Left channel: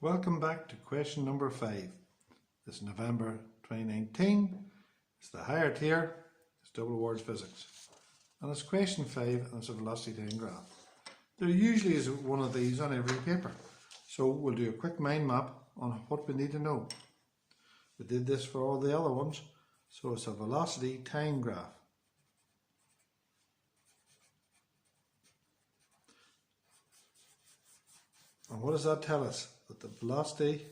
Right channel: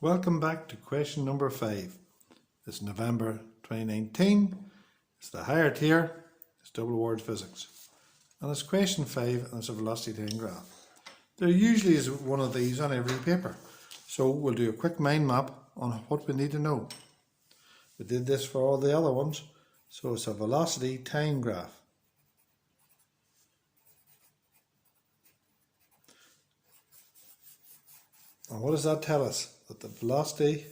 Welcome back to question number 5. It's November 2019. It's the higher tier. It's double awards physics. And it's question 5 and it's a velocity time graph. There usually is one of these on every paper. So we'll do a quick mind map on what we need to know. We did this for all the other ones. So it's a velocity time graph. And what does that tell us? That the velocity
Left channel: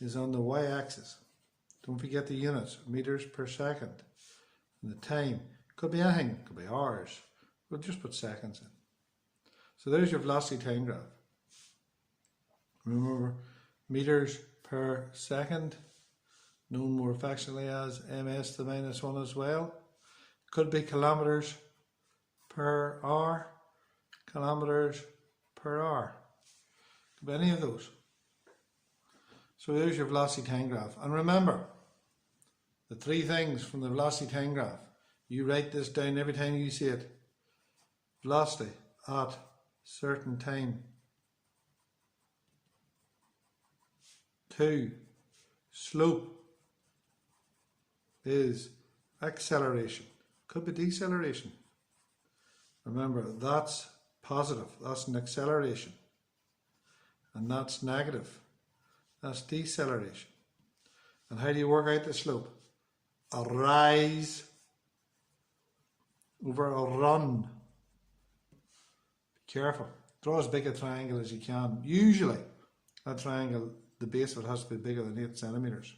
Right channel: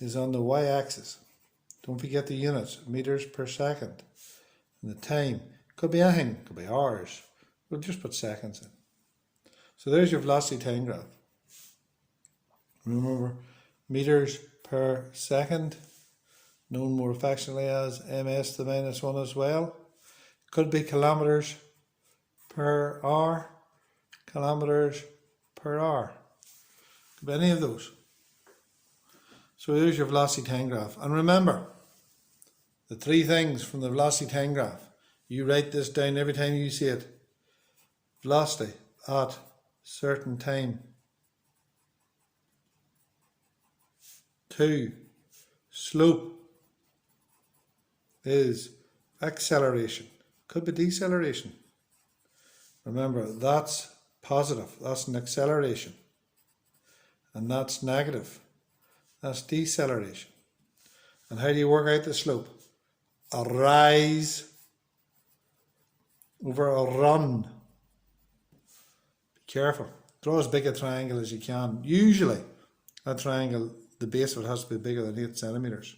is on the y-axis. Don't forget the units, meters per second. And the time, could be anything, could be hours. We'll just put seconds in. So there's your velocity time graph. Remember, meters per second, known more affectionately as ms to the minus 1 as well. Could be kilometers per hour, kilometers per hour. Could be any of those. So here's your velocity time graph. And remember, the 3 things from the velocity time graph. You write this down every time you see it. Velocity at certain time. 2. Slope is acceleration. Could be deceleration. Remember, that's positive. That's an acceleration. And that's negative. That's deceleration. And how do you work out the slope? A rise over a run. Be careful. Draw as big a triangle as you can. Usually, that triangle, the base of it has to be bigger than 8 centimeters.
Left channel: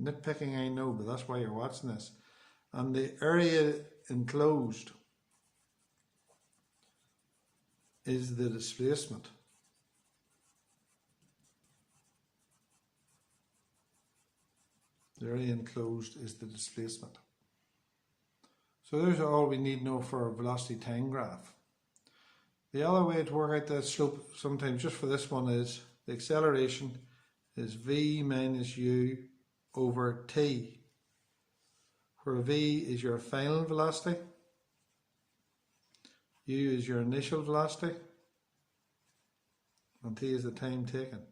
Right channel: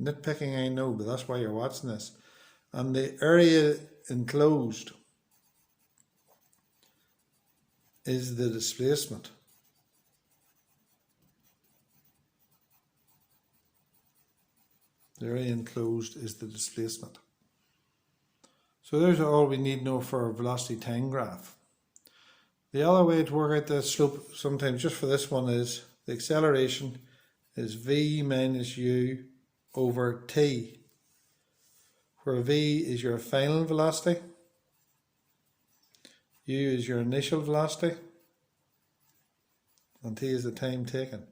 Nitpicking, I know, but that's why you're watching this. And the area enclosed is the displacement. The area enclosed is the displacement. So there's all we need to know for a velocity time graph. The other way to work out the slope, sometimes just for this one, is the acceleration is v minus u over t, where v is your final velocity, u is your initial velocity, and t is the time taken.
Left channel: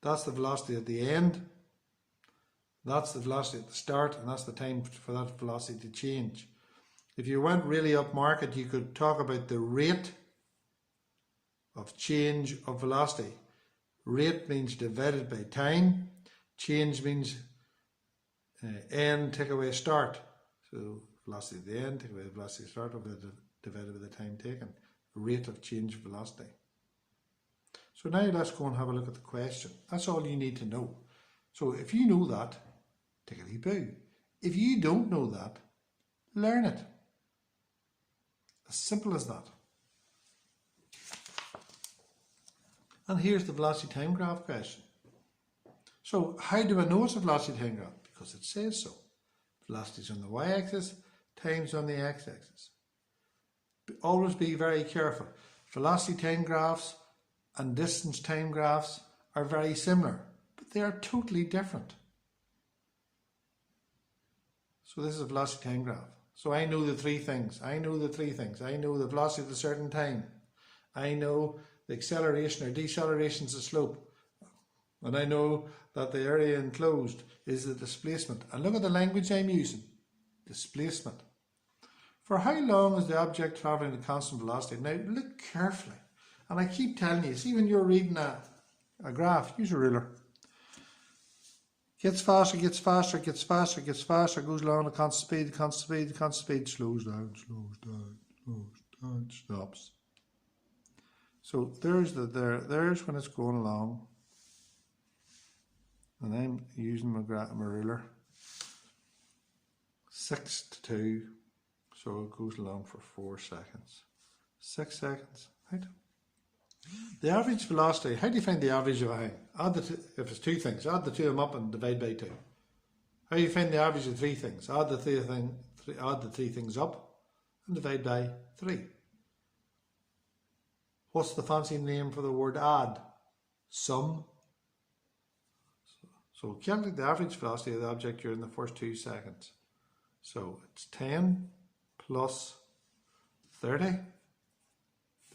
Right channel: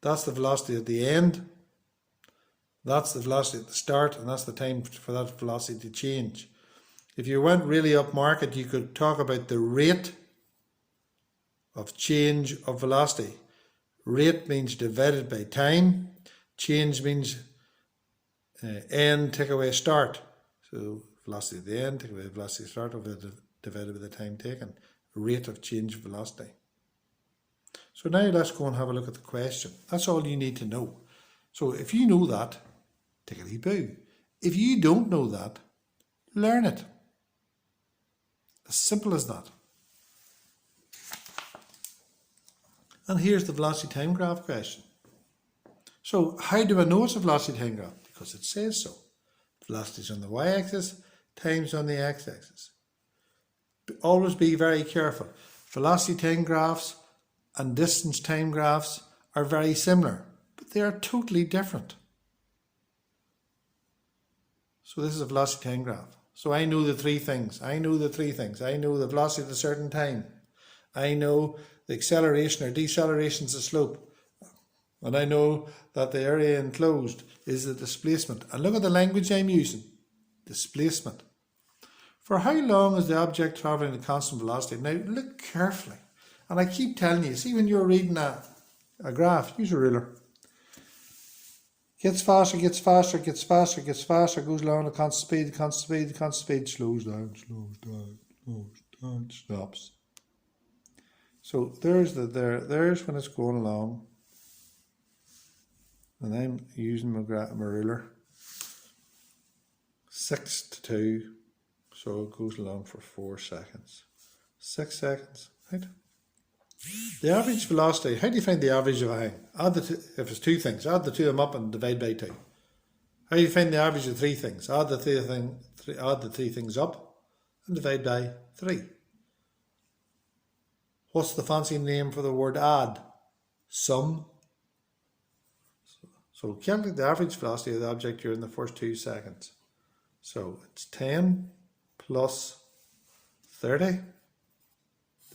That's the velocity at the end, that's the velocity at the start, and that's the time for that velocity to change. If you went really up market, you could talk about the rate of change of velocity. Rate means divided by time. Change means end, take away start. So velocity at the end, take away the velocity at start, divided by the time taken. Rate of change of velocity. So now let's go and have a look at the question. That's all you need to know. So if you know that, tickety-boo. If you don't know that, learn it. As simple as that. And here's the velocity time graph question. So how do I know it's a velocity time graph? Because it says so. Velocity is on the y-axis, time's on the x-axis. Always be very careful. Velocity time graphs and distance time graphs are very similar, but they are totally different. So this is a velocity time graph. So I know the 3 things. I know the velocity at a certain time. I know the acceleration or deceleration is the slope. And I know that the area enclosed is the displacement. And look at the language I'm using. Displacement. For how long is the object travelling at constant velocity? Now look carefully. And I keep telling you, see when you're reading a graph, use a ruler. Gets faster, gets faster, gets faster, gets faster, goes along at constant speed, slows down, stops. So there's when it's going along. And I'm using my ruler. 6 to 2, so it goes along for 4 seconds. 6 seconds, right? The average velocity, how do you find the average of a thing? Add the two, if it's 2 things, add the 2 of them up and divide by 2. How do you find the average of 3 things? Add the 3 things up and divide by 3. What's the fancy name for the word add? Sum. So calculate the average velocity of the object during the first 2 seconds. So it's 10 plus 30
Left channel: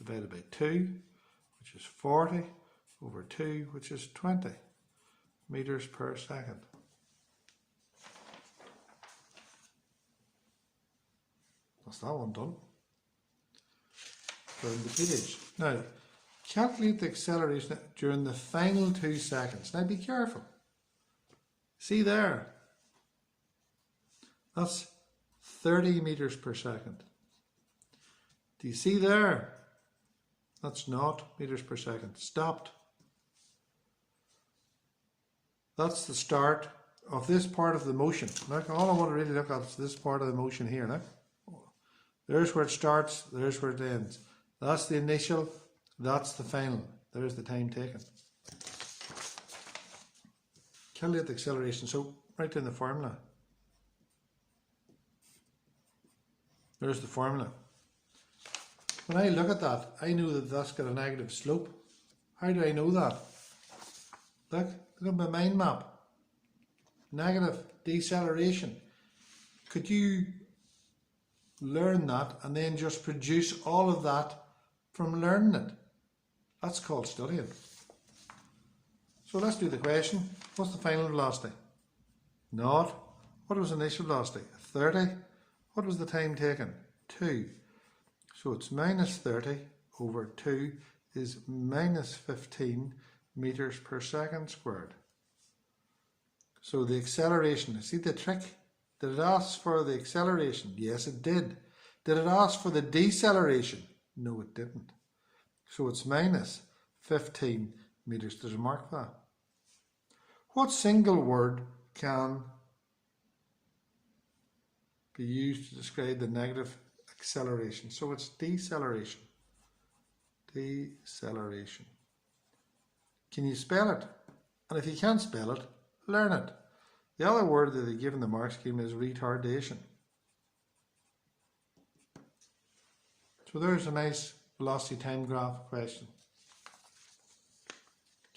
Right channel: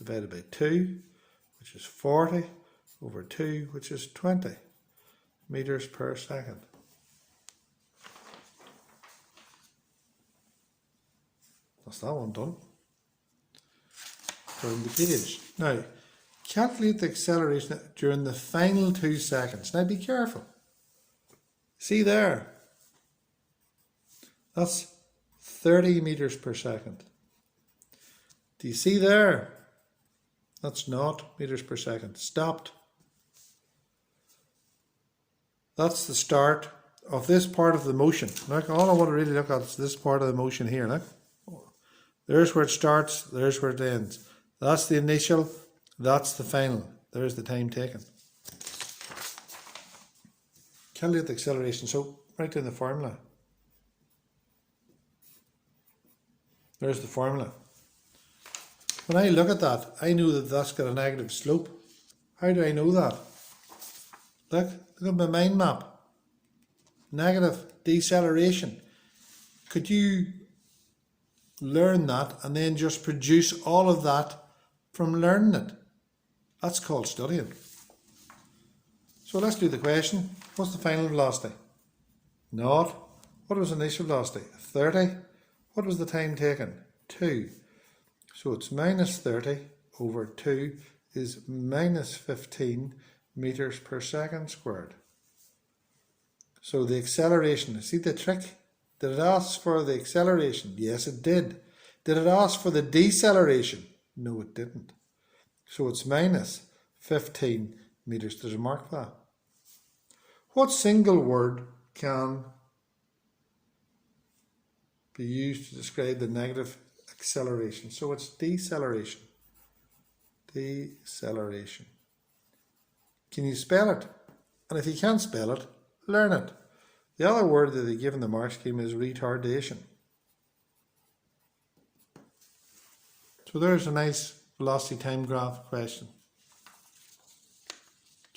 divided by 2, which is 40, over 2, which is 20 meters per second. That's that one done. Turn the page. Now, calculate the acceleration during the final 2 seconds. Now be careful. See there? That's 30 meters per second. Do you see there? That's 0 meters per second. Stopped. That's the start of this part of the motion. Look, all I want to really look at is this part of the motion here. Look. There's where it starts, there's where it ends. That's the initial, that's the final. There's the time taken. Calculate the acceleration. So write down the formula. There's the formula. When I look at that, I know that that's got a negative slope. How do I know that? Look at my mind map. Negative deceleration. Could you learn that and then just produce all of that from learning it? That's called studying. So let's do the question. What's the final velocity? 0. What was the initial velocity? 30. What was the time taken? 2. So it's minus 30 over 2 is minus 15 meters per second squared. So the acceleration, see the trick? Did it ask for the acceleration? Yes, it did. Did it ask for the deceleration? No, it didn't. So it's minus 15 meters. There's a mark for that. What single word can be used to describe the negative acceleration? So it's deceleration. Deceleration. Can you spell it? And if you can't spell it, learn it. The other word that they give in the mark scheme is retardation. So there's a nice velocity time graph question.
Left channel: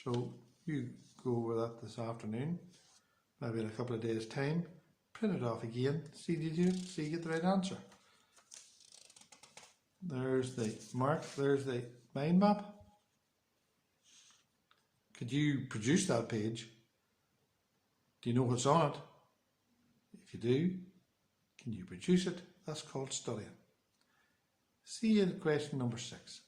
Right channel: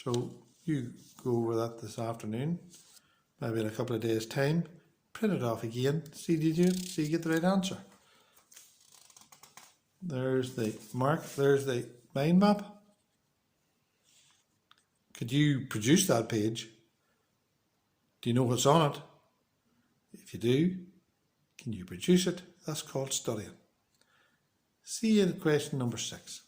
So you go over that this afternoon, maybe in a couple of days' time, print it off again, see did you see you get the right answer. There's the mark, there's the mind map. Could you produce that page? Do you know what's on it? If you do, can you produce it? That's called studying. See you in question number 6.